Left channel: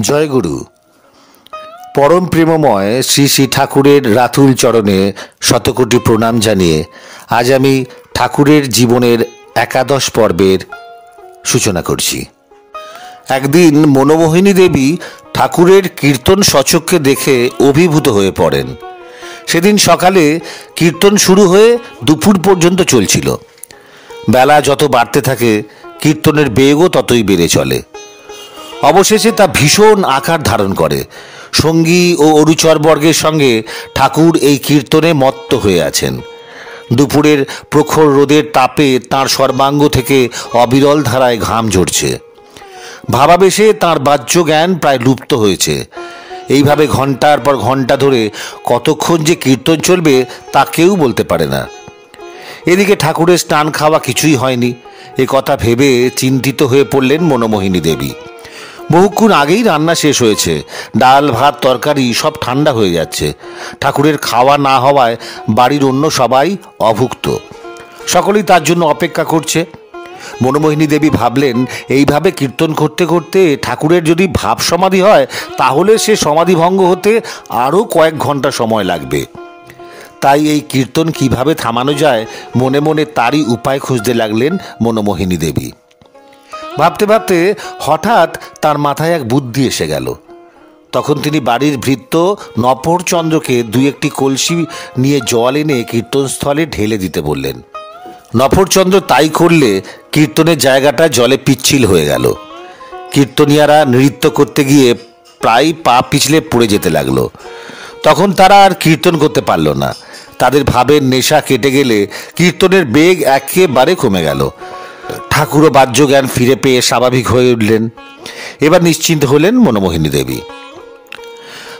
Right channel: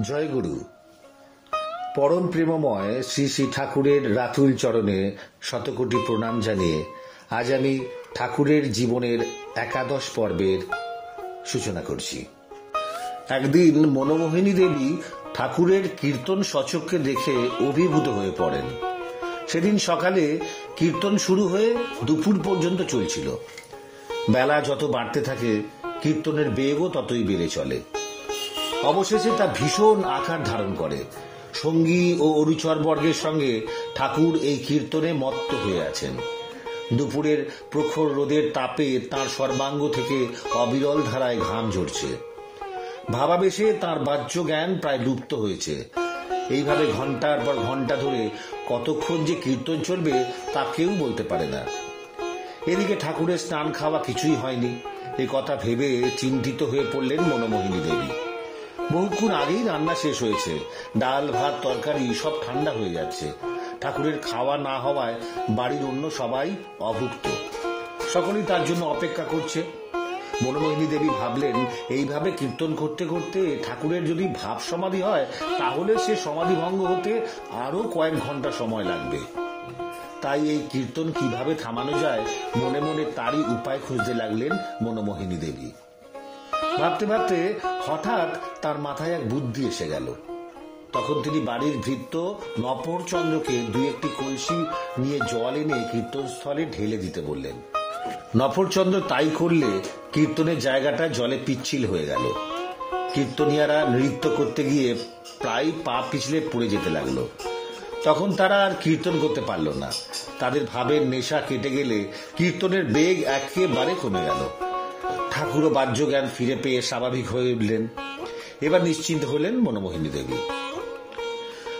জয়গুরু। পরম প্রেমময় শ্রী শ্রী ঠাকুরের রাতুল চরণে শতকোটি প্রণাম জানিয়ে আজ আমি ঠাকুরের জীবনের একাদশ পর্বের সূচনা করছি। একদিন মনোমোহিনী দেবী ঠাকুরের কীর্তন সচক্ষে দেখে অভিভূত হয়ে পড়েন। সেদিন সকালে কীর্তন শুরু হয়ে দুপুর পর্যন্ত চলছিল। বেলা যত বাড়তে থাকে কীর্তনের বেগও ততই বেড়ে চলে। অবশেষে তা ভীষণ আকার ধারণ করে। সঙ্গী ও অনুচরবর্গের সঙ্গে ঠাকুর এই কীর্তনে মত্ত হয়ে আছেন। দুপুরের প্রখর রোদের তাপে তাঁর সর্বাঙ্গ থেকে অবিরল ধারায় ঘাম ঝরছে। ভাবাবেশে তাঁর বাহ্য জ্ঞান প্রায় লুপ্ত হয়েছে। এইভাবে ঘন্টার পর ঘন্টা ধরে কতক্ষণ যে কীর্তন চলবে তা কেউ বলতে পারে না। এদিকে ঠাকুরের স্নান খাওয়া কিছুই হয়নি। এ কথা ভেবে চিন্তিত হয়ে পড়লেন মনোমোহিনী দেবী। বহুক্ষণ আগেই রান্না শেষ হয়েছে, ডাল ভাত তরকারি সব ঠান্ডা হয়ে যাচ্ছে। ঠাকুরের খাওয়া না হওয়ায় বাড়ির অন্য সবাই অভুক্ত, সকলেই তার জন্য অপেক্ষা করছে। মনোমোহিনী দেবী ভাবলেন, এইভাবে কীর্তন করতে করতে ঠাকুরের যদি ভাব সমাধি হয় তাহলে সে সমাধিভঙ্গ হতে আরও কয়েক ঘন্টা সময় লাগবে। তাই এই কীর্তন কিভাবে থামানো যায় মনে মনে তারই উপায় খুঁজতে লাগলেন মনোমোহিনী দেবী। ভাবতে ভাবতে হঠাৎ তার মাথায় এক বুদ্ধি এসে গেল। তখন তিনি বাড়ির ভৃত্য নফরচন্দ্রকে দুই একটি কলসি নিয়ে জল এনে কীর্তনস্থলে ঢেলে দিতে বললেন। নফরচন্দ্র তাই করলে কীর্তনের জায়গাটা জলে পিচ্ছিল হয়ে গেল। কীর্তনিয়ারা নৃত্য করতে গিয়ে প্রায় পা পিছলে পড়ে যেতে লাগলো। তখন তারা আর কীর্তন করতে পারল না। তাদের ভাবের নেশা কেটে গেলে কীর্তনের বেগ একেবারে কমে গেল। ঠাকুরও বাহ্য জ্ঞান ফিরে পেয়ে স্বাভাবিক হয়ে উঠলেন। এবার নিশ্চিন্ত হলেন মনোমোহিনী দেবী।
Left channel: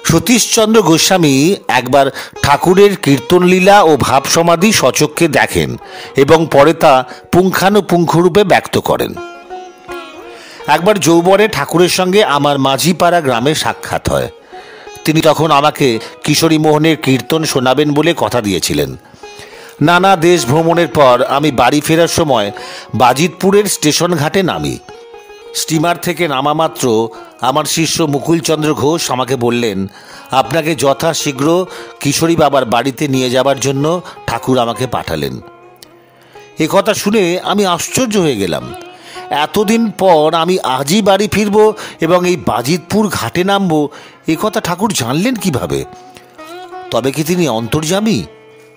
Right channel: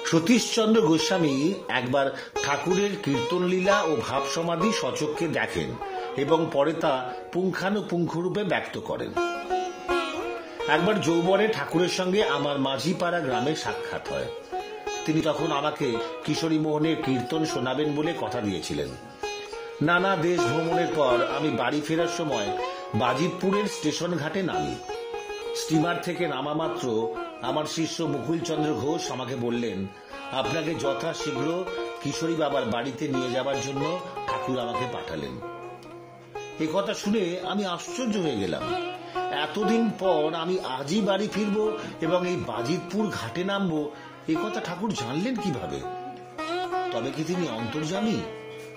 সতীশচন্দ্র গোস্বামী একবার ঠাকুরের কীর্তনলীলা ও ভাব সমাধি সচক্ষে দেখেন এবং পরে তা পুঙ্খানুপুঙ্খরূপে ব্যক্ত করেন। একবার যৌবনে ঠাকুরের সঙ্গে আমার মাঝিপাড়া গ্রামে সাক্ষাৎ হয়। তিনি তখন আমাকে কিশোরী মোহনের কীর্তন শোনাবেন বলে কথা দিয়েছিলেন। নানা দেশ ভ্রমণের পর আমি বাড়ি ফেরার সময় বাজিতপুরের স্টেশন ঘাটে নামি। স্টিমার থেকে নামা মাত্র আমার শিষ্য মুকুলচন্দ্র ঘোষ আমাকে বললেন, আপনাকে যথাশীঘ্র কিশোরী বাবার বাড়িতে নিয়ে যাবার জন্য ঠাকুর আমাকে পাঠালেন। এ কথা শুনে আমি আশ্চর্য হয়ে গেলাম। এতদিন পর আমি আজই বাড়ি ফিরব এবং এই বাজিতপুর ঘাটে নামব, এ কথা ঠাকুর জানলেন কিভাবে? তবে কি তিনি অন্তর্যামী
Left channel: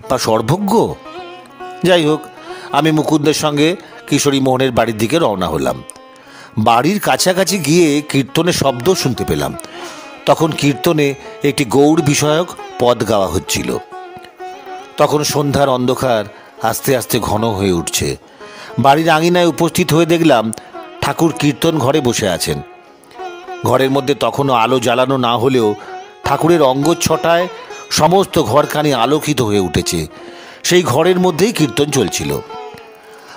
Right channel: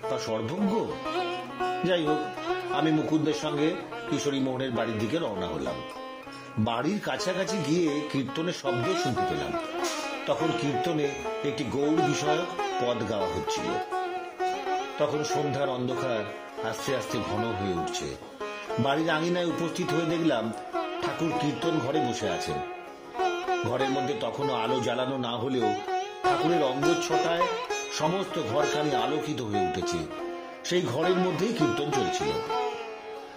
বা সর্বজ্ঞ? যাই হোক, আমি মুকুন্দের সঙ্গে কিশোরী মোহনের বাড়ির দিকে রওনা হলাম। বাড়ির কাছাকাছি গিয়ে কীর্তনের শব্দ শুনতে পেলাম। তখন কীর্তনে একটি গৌড় বিষয়ক পদ গাওয়া হচ্ছিল। তখন সন্ধ্যার অন্ধকার আস্তে আস্তে ঘন হয়ে উঠছে। বাড়ির আঙিনায় উপস্থিত হয়ে দেখলাম ঠাকুর কীর্তন ঘরে বসে আছেন। ঘরের মধ্যে তখনও আলো জ্বালানো না হলেও ঠাকুরের অঙ্গচ্ছটায় সমস্ত ঘরখানি আলোকিত হয়ে উঠেছে। সেই ঘরের মধ্যেই কীর্তন চলছিল।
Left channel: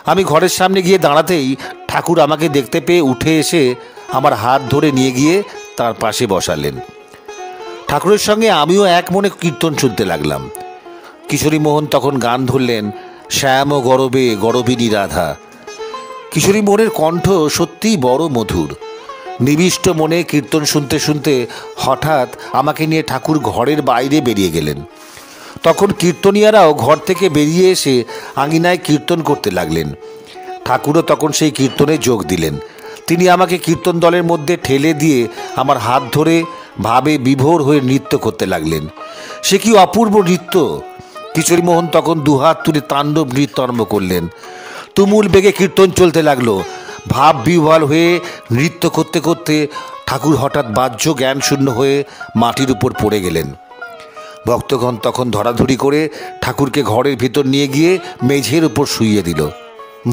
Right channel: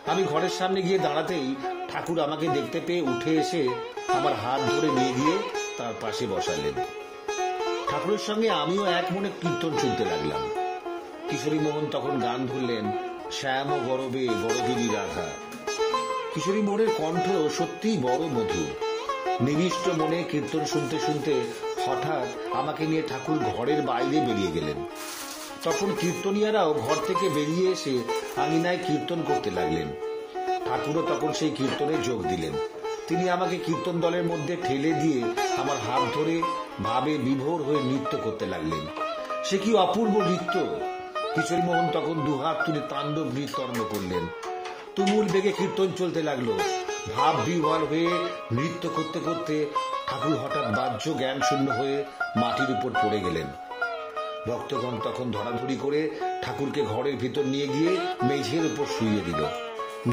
আমি ঘরের সামনে গিয়ে দাঁড়াতেই ঠাকুর আমাকে দেখতে পেয়ে উঠে এসে আমার হাত ধরে নিয়ে গিয়ে তার পাশে বসালেন। ঠাকুরের সঙ্গে আমিও এক মনে কীর্তন শুনতে লাগলাম। কিশোরী মোহন তখন গান ধরলেন, শ্যাম গরবে গরবিনী রাধা। কিশোরী মোহনের কণ্ঠ সত্যিই বড় মধুর। নিবিষ্ট মনে কীর্তন শুনতে শুনতে হঠাৎ আমাকে নিয়ে ঠাকুর ঘরের বাইরে বেরিয়ে গেলেন। তখন কীর্তনিয়ারাও ঘর থেকে বেরিয়ে এসে আঙিনায় কীর্তন করতে লাগলেন। ঠাকুরও তখন সেই কীর্তনে যোগ দিলেন। তিনি আমাকে কীর্তন দলের মধ্যে ঠেলে দিয়ে আমার হাত ধরে ভাবে বিভোর হয়ে নৃত্য করতে লাগলেন। সে কি অপূর্ব নৃত্য! কিশোরী মোহন তখন দুহাত তুলে তাণ্ডব নৃত্য আরম্ভ করলেন। তুমুল বেগে কীর্তন চলতে লাগলো। ভাব বিহ্বল হয়ে নৃত্য করতে করতে ঠাকুর হঠাৎ বাহ্য জ্ঞান শূন্য হয়ে মাটির উপর পড়ে গেলেন। ভক্তগণ তখন ধরাধরি করে ঠাকুরকে ঘরের ভিতর নিয়ে গিয়ে মেঝের উপর শুইয়ে দিল।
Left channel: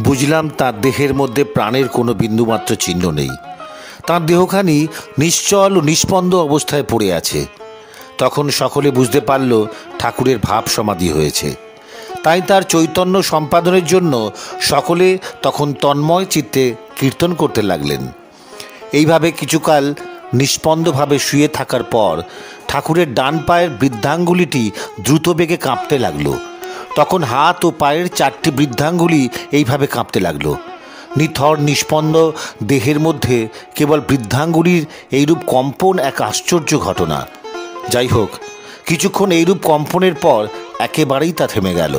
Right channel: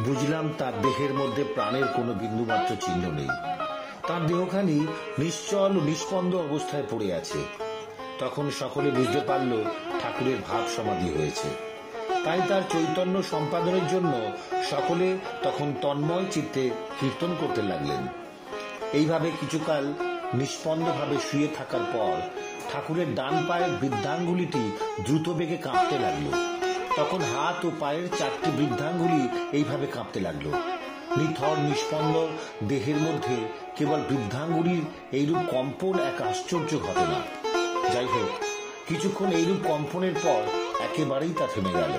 বুঝলাম তার দেহের মধ্যে প্রাণের কোনো বিন্দুমাত্র চিহ্ন নেই। তার দেহখানি নিশ্চল ও নিষ্পন্দ অবস্থায় পড়ে আছে। তখন সকলে বুঝতে পারল ঠাকুরের ভাব সমাধি হয়েছে। তাই তার চৈতন্য সম্পাদনের জন্য সকলে তখন তন্ময় চিত্তে কীর্তন করতে লাগলেন। এইভাবে কিছুকাল নিষ্পন্দভাবে শুয়ে থাকার পর ঠাকুরের ডান পায়ের বৃদ্ধাঙ্গুলিটি দ্রুত বেগে কাঁপতে লাগলো। তখন হাত ও পায়ের চারটি বৃদ্ধাঙ্গুলি এইভাবে কাঁপতে লাগলো। নিথর নিষ্পন্দ দেহের মধ্যে কেবল বৃদ্ধাঙ্গুলির এইরূপ কম্পন এক আশ্চর্য ঘটনা। যাই হোক, কিছুক্ষণ এইরূপ কম্পনের পর একেবারেই তা থেমে গেল।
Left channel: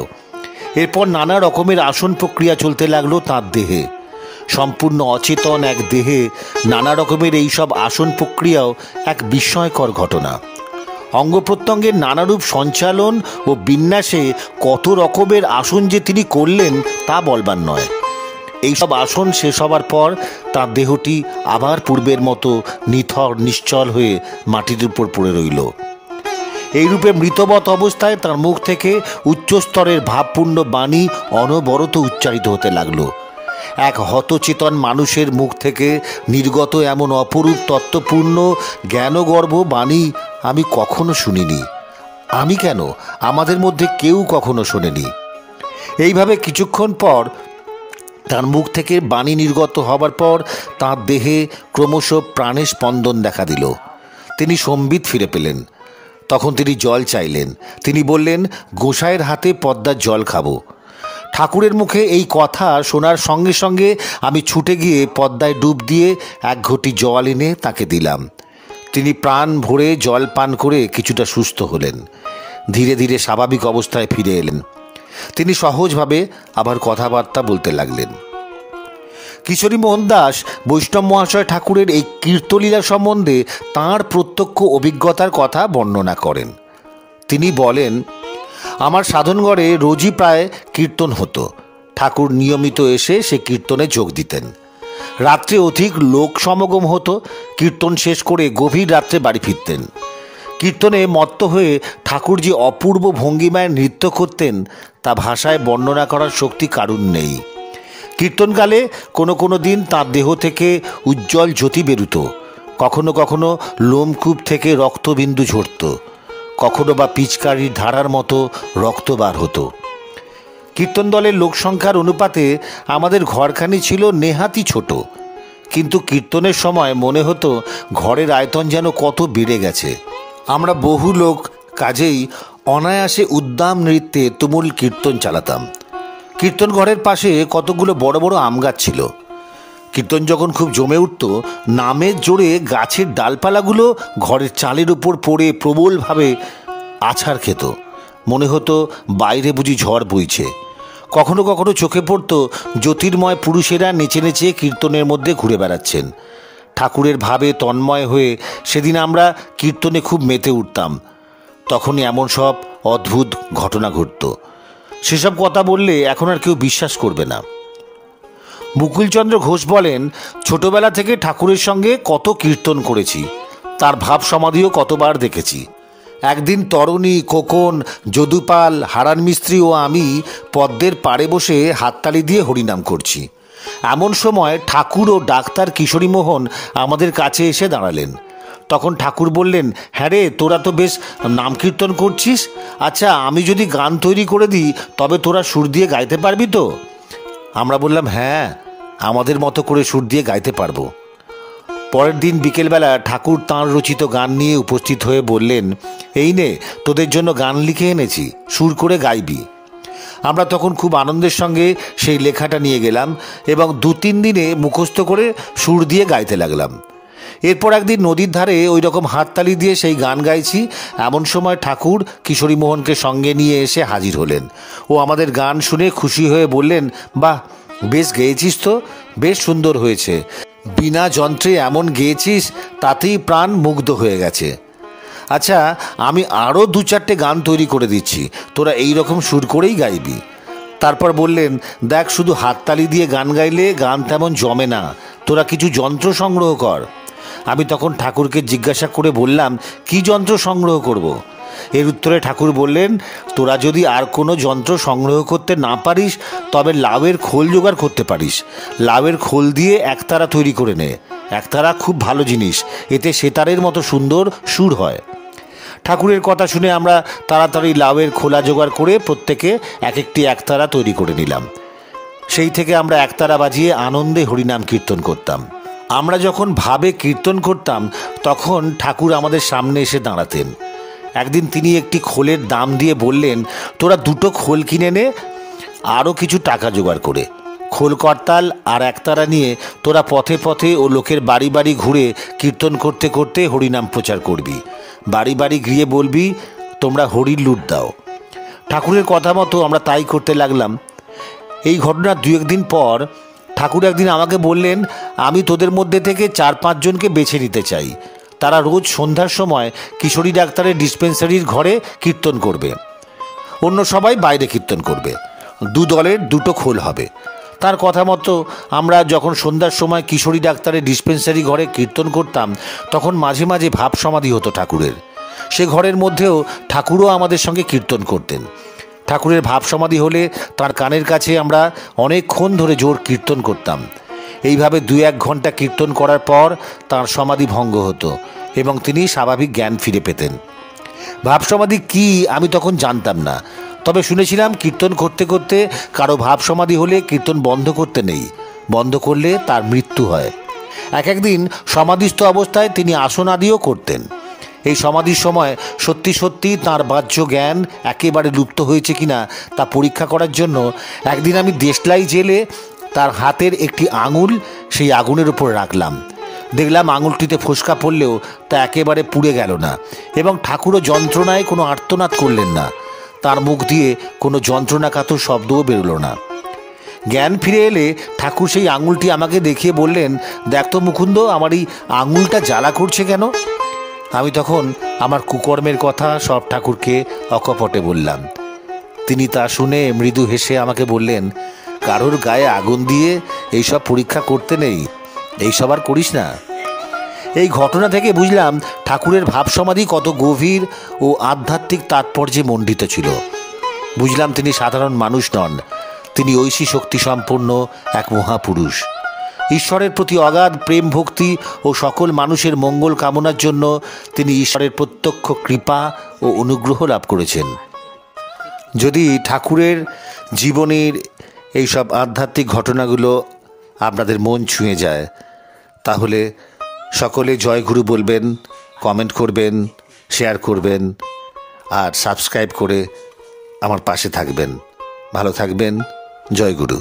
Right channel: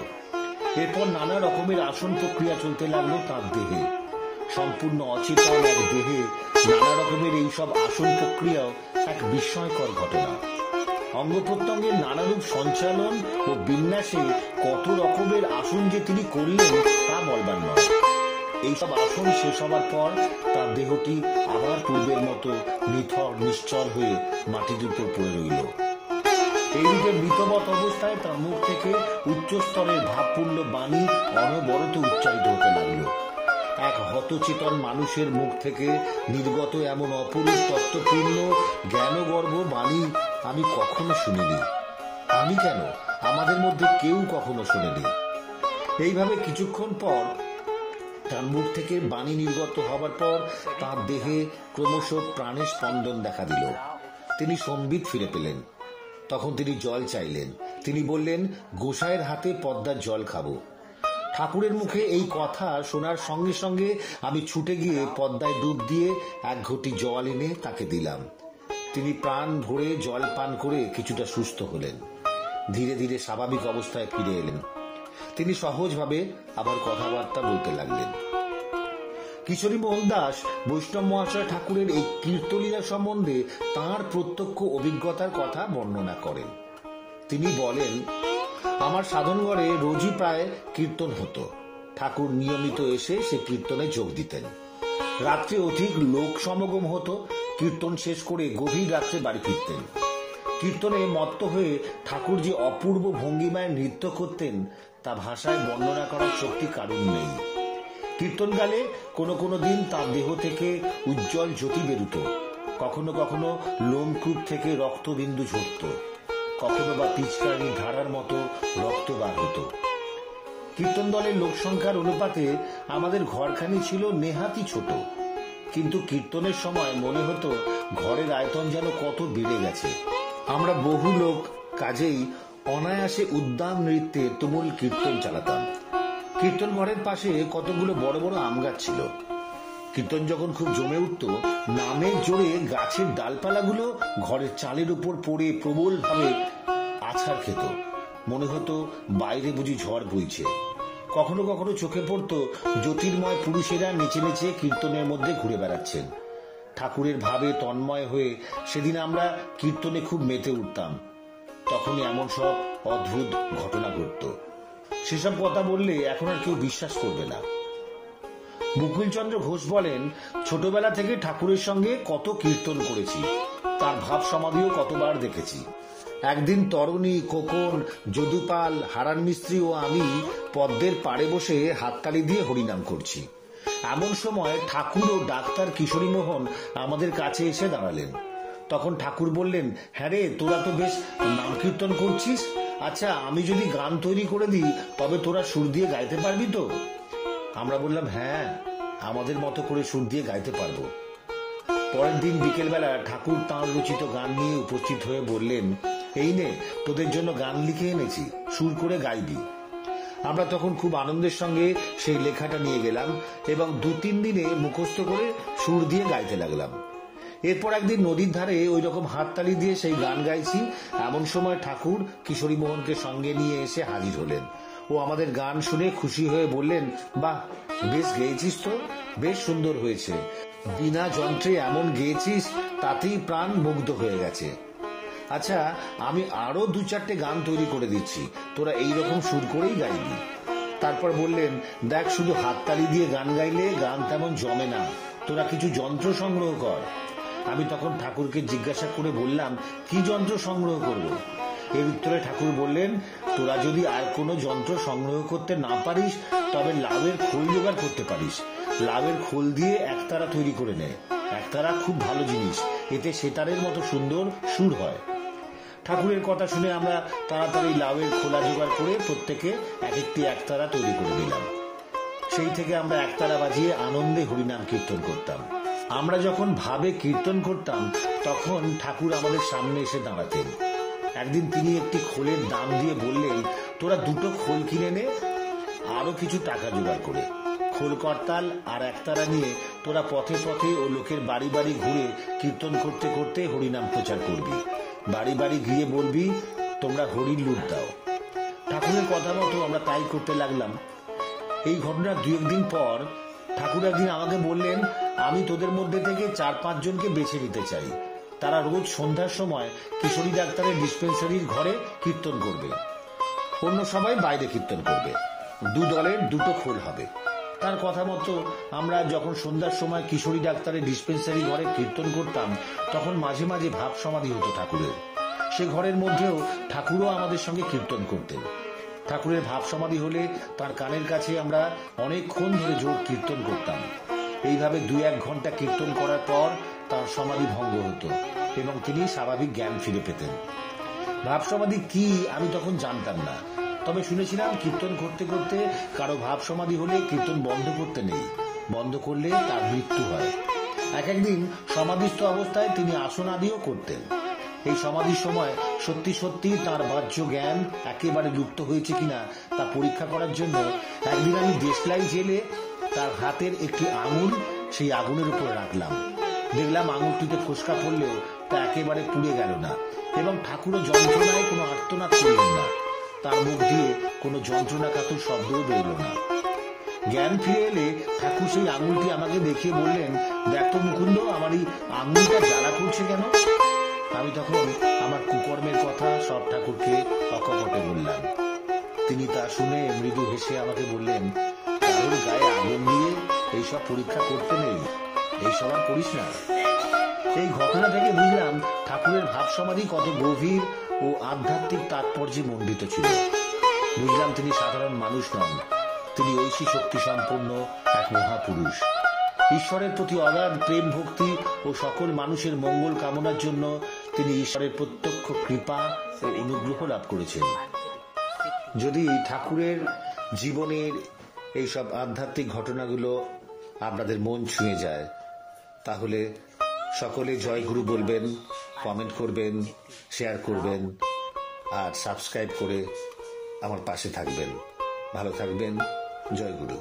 এরপর নানা রকমের আসন প্রক্রিয়া চলতে লাগলো তাঁর দেহে। সম্পূর্ণ অচেতন এক দেহে নানা রকমের এইসব আসন প্রক্রিয়াও এক বিস্ময়কর ঘটনা। অঙ্গ প্রত্যঙ্গের নানারূপ সঞ্চালন ও বিন্যাসে কত রকমের আসন যে তিনি করলেন তা বলবার নয়। এইসব আসন শেষ হবার পর তার দেহটি আবার পূর্বের মতো নিথর নিশ্চল হয়ে মাটির উপর পড়ে রইল। এইরূপে মৃতবৎ অবস্থায় তার মুখ থেকে উচ্চস্তরের ভাবপূর্ণ বাণী অনবরত উচ্চারিত হতে লাগল। এক হতচেতন মানুষের মুখ থেকে নির্গত এমন অপরূপ তত্ত্বপূর্ণ জ্ঞানগর্ভ বাণী আমি কখনো শুনিনি। আমি কেন, আমাদের মধ্যে কেউ কখনো শোনেনি। এইভাবে কিছুক্ষণ পর তার মুখ থেকে বাণী নির্গত হবার পর তাঁর দেহে ক্রমশ প্রাণের স্পন্দন দেখা দিল। তিনি সম্বিত ফিরে পেলেন। তখন তিনি জল চাইলেন। তিনি বললেন, গোসাইয়ের হাতে পদ্মার জল খাবো। ঠাকুরের মুখে এই কথা শোনার সঙ্গে সঙ্গে আমি ছুটে গিয়ে পদ্মায় ডুব দিয়ে এক ঘটি জল এনে তাকে দিলাম। তিনি প্রাণ ভরে জল পান করে কিছুটা সুস্থ হলেন। ধীরে ধীরে স্বাভাবিক অবস্থায় ফিরে এলেন। তিনি সহজভাবে আবার কথাবার্তা বলতে লাগলেন। কিশোরীমোহন দাস বৈষ্ণব মহাশয় ঠাকুরের এই কীর্তলীলা সম্বন্ধে তাঁর প্রত্যক্ষ অভিজ্ঞতার কথা বর্ণনা করেন। তিনি বলেন, আমার সাধনগড়ে রোজই প্রায় কীর্তন হতো। ঠাকুর নিয়মিত এসে সে কীর্তনে যোগ দিতেন। রাত্রে অধিক লোক সমাগম হতো। কীর্তন শেষ করে গভীর রাত্রে বাড়ি ফিরতেন। কীর্তনে মত্ত হয়ে ঠাকুর যে অপূর্ব ভঙ্গিমায় নৃত্য করতেন তা ভাষায় বর্ণনা করার শক্তি কারুর নেই। কীর্তনকালে কোনো কোনো দিন তাঁর দেহ থেকে উজ্জ্বল জ্যোতি বেরুত। কখনো কখনো লোমকূপ থেকে রক্তবিন্দু ঝরত। কখনো বা পিচকারির ধারার মতো রক্ত বার হতো। কীর্তন দলের লোকসংখ্যার অনুপাতে আমাদের ঘরখানি ছিল নেহাতি ছোট, কিন্তু কীর্তনের সময় মনে হতো ঘরের আয়তন যেন কত বেড়ে গেছে। আমরা বহু লোক, কাজেই অনায়াসে উদ্দাম নৃত্যে তুমুল কীর্তন চালাতাম। কীর্তন ঘরের পাশে কতগুলো বড় বড় আম গাছ ছিল। কীর্তন যখন খুব জমে উঠত, নামের জোরে গাছের ডালপালাগুলো ঘরের চালের উপর পড়ে প্রবলভাবে আছাড় খেত। মনে হতো বাইরে বুঝি ঝড় বইছে। কখনো কখনো চোখে পড়ত জ্যোতির্ময় পুরুষেরা নেচে নেচে কীর্তনের মধ্যে ঘুরে বেড়াচ্ছেন। ঠাকুরের ভাবে তন্ময় হয়ে সেদিন আমরা কীর্তনে খুব মেতে উঠতাম। তখনই এমন সব অদ্ভুত ঘটনা ঘটত। সেসব কথা বললে এখন আর কেউ বিশ্বাস করবে না। মুকুলচন্দ্র ঘোষ বলেন, ছোটবেলা থেকে ঠাকুরের সঙ্গে কত কীর্তন করেছি, তার ভাব সমাধিও কতবার দেখেছি। একদিন তরণী, খোকন, যদুপাল, হারান মিস্ত্রি ও আমি পদ্মের পাড়ে বসে হাততালি দিয়ে হরিনাম করছি। এমন সময় ঠাকুর ও ডাক্তার কিশোরীমোহন আমাদের কাছে এসে দাঁড়ালেন। তখন ঠাকুর বললেন, হ্যাঁ রে, তোরা তো বেশ নাম কীর্তন করছিস। আচ্ছা, আমি যদি গান তৈরি করে দিই তবে তোরা সুর দিয়ে গাইতে পারবি তো? আমরা বললাম, হ্যাঁ, আমাদের মতো করে সুর দিয়ে গাইতে পারবো। পরের দিন বিকেলবেলা ঠাকুর তাঁর রচিত গান নিয়ে উপস্থিত হয়ে বললেন, এই নে, তোদের জন্য গান লিখে এনেছি, সুর করে গাইবি। আমরা তখন খুব আনন্দের সঙ্গে সেই লেখাটা নিয়ে গেলাম এবং 2-3 দিনে মুখস্থ করে সুর দিয়ে গাইতে লাগলাম। এরপর একদিন নদীর ধারে ওই রকম হাততালি দিয়ে সেই গান গাইছি। এমন সময় ঠাকুর কিশোরীমোহনকে সঙ্গে নিয়ে এসে হাজির হলেন। ও আমাদের গান শুনে খুশি হয়ে বললেন, বাহ, বেশ গেয়েছিস তো, বেশ সুন্দর হয়েছে। বিনা যন্ত্রে এমন গেয়েছিস, তাতেই প্রাণ মুগ্ধ হয়ে গেছে। আচ্ছা, আমি আরও 2-4টে গান তৈরি করে দিচ্ছি, তোরা এই রকম সুর করেই গাইবি। তারপর বললেন, দেখ, শুধু হাততালি দিয়ে গান গাইলে গান তেমন জমে না, তোরা কিছু যন্ত্র সংগ্রহ কর। আমি তখন ঠাকুরকে জিজ্ঞাসা করে বললাম, কি যন্ত্র সংগ্রহ করব? এর উত্তরে ঠাকুর বললেন, তোরা যদি আর কোনো যন্ত্র সংগ্রহ করতে না পারিস তবে লাউয়ের খোল জোগাড় করতে পারিস। লাউয়ের খোল দিয়ে একতারা তৈরি করে নে। একতারা খুব ভালো জিনিস, এতে সেতারের মতো সুন্দর সুর হয়। ঠাকুরের কথা শুনে আমরা তাড়াতাড়ি লাউয়ের খোলা জোগাড় করে প্রত্যেকে এক একটি একতারা তৈরি করে নিলাম। সেই থেকে আমরা একতারা বাজিয়ে আনন্দে হরিনাম কীর্তন করতাম। আমরা যখন ভাবে কীর্তন করতাম তখন ঠাকুর আমাদের সামনে এসে দাঁড়াতেন। একদিন তিনি একটি খোলের দাম দিয়ে বললেন, তোরা 2টো খোল কিনে নে, আরও কিছু টাকা জোগাড় করে। খোল করতাল আর একতারা নিয়ে তোরা পথে পথে ও লোকের বাড়ি বাড়ি ঘুরে কীর্তন করতে করতে হরিনাম প্রচার করবি। বাড়ি বাড়ি গিয়ে বলবি তোমরা হরির লুট দাও। ঠাকুরের কথা মতো আমরা তাই করতে লাগলাম। এই ঘটনার 2-1 দিন পর ঠাকুর একদিন আমাকে বললেন, আমি তোদের মধ্যে থেকে 4-5 জনকে বেছে নিতে চাই। তারা রোজ সন্ধ্যার সময় কিশোরী ডাক্তারের ডিসপেন্সারির ঘরে কীর্তন করবে, অন্য সবাই বাইরে কীর্তন করবে। 2 দলের 2টো খোল হবে। তার কথা মতো আমরা যখন সন্ধ্যার সময় কিশোরী ডাক্তারের ডিসপেন্সারি ঘরে কীর্তন করতাম, তখন মাঝে মাঝে ভাব সমাধি হতো ঠাকুরের। সে ঘরের মধ্যেও ঠাকুরও আমাদের সঙ্গে কীর্তন করতেন। ঠাকুরের ভাব সমাধি হলে তার কানের কাছে আমরা অনেকক্ষণ ধরে জোর কীর্তন করতাম। এইভাবে 2-1 ঘন্টা কীর্তন করার পর তাঁর সমাধি ভঙ্গ হতো এবং তিনি স্বাভাবিক জ্ঞান ফিরে পেতেন। ভাব সমাধি কী আমি তখন জানতাম না, তবে শুনেছিলাম কীর্তন করতে করতে কারো ভাব সমাধি হলে কীর্তন বন্ধ করতে নেই, বন্ধ করলে তার মৃত্যু হয়। একদিন সমাধিস্থ অবস্থায় তিনি আসন আদিও করতেন। এই সমাধির সময় সত্যি সত্যি তাঁর বাহ্য জ্ঞান একেবারে লুপ্ত হয়েছে কিনা তা পরীক্ষা করার জন্য একদিন আমি দেশলাই জেলে তার হাতের একটি আঙুল সেই আগুনের উপর রাখলাম। দেখলাম আঙুলটিতে ফোসকা পড়লেও তা একেবারে পুড়ে গেল না এবং ঠাকুরও যন্ত্রণায় কোনো আর্তনাদ করলেন না। তার মুখ দিয়ে কোনো যন্ত্রণাকাতর শব্দও বেরোলো না। জ্ঞান ফিরে এলে ঠাকুর সেই আঙুলটি আমাকে দেখিয়ে বললেন, দেখ তো মুকুন্দ, আমার এই আঙুলটা জ্বালা করছে কেন? আমি তখন আমার কুকর্মের কথা সব ঠাকুরকে অকপটে বললাম। তিনি তা শুনে মৃদু হেসে আমাকে বললেন, কারোর গায়ে আগুন দিয়ে এইসব পরীক্ষা করতে নেই, এইসব আর করিস না। এই ঘটনা থেকে বুঝলাম ঠাকুরের ভাব সমাধি কত গভীর ও আধ্যাত্মিক তাৎপর্যে মণ্ডিত ছিল। বুঝলাম তিনি সাধারণ মানুষ নন, তিনি ঐশী শক্তি সম্পন্ন এক মহাপুরুষ। ঈশ্বরের প্রতি অগাধ প্রেম ভক্তি ও সকল মানুষের মঙ্গল কামনার জন্য তিনি ঈশ্বরের প্রত্যক্ষ কৃপা ও অনুগ্রহ লাভ করেছেন। যদি ঠাকুরের জীবনের এইসব আধ্যাত্মিক ঘটনাগুলো আপনাদের মন ছুঁয়ে যায়, তাহলে সকলে জয়গুরু বলবেন, কমেন্ট করবেন, শেয়ার করবেন আর সাবস্ক্রাইব করে আমার পাশে থাকবেন। ভালো থাকবেন। জয়গুরু।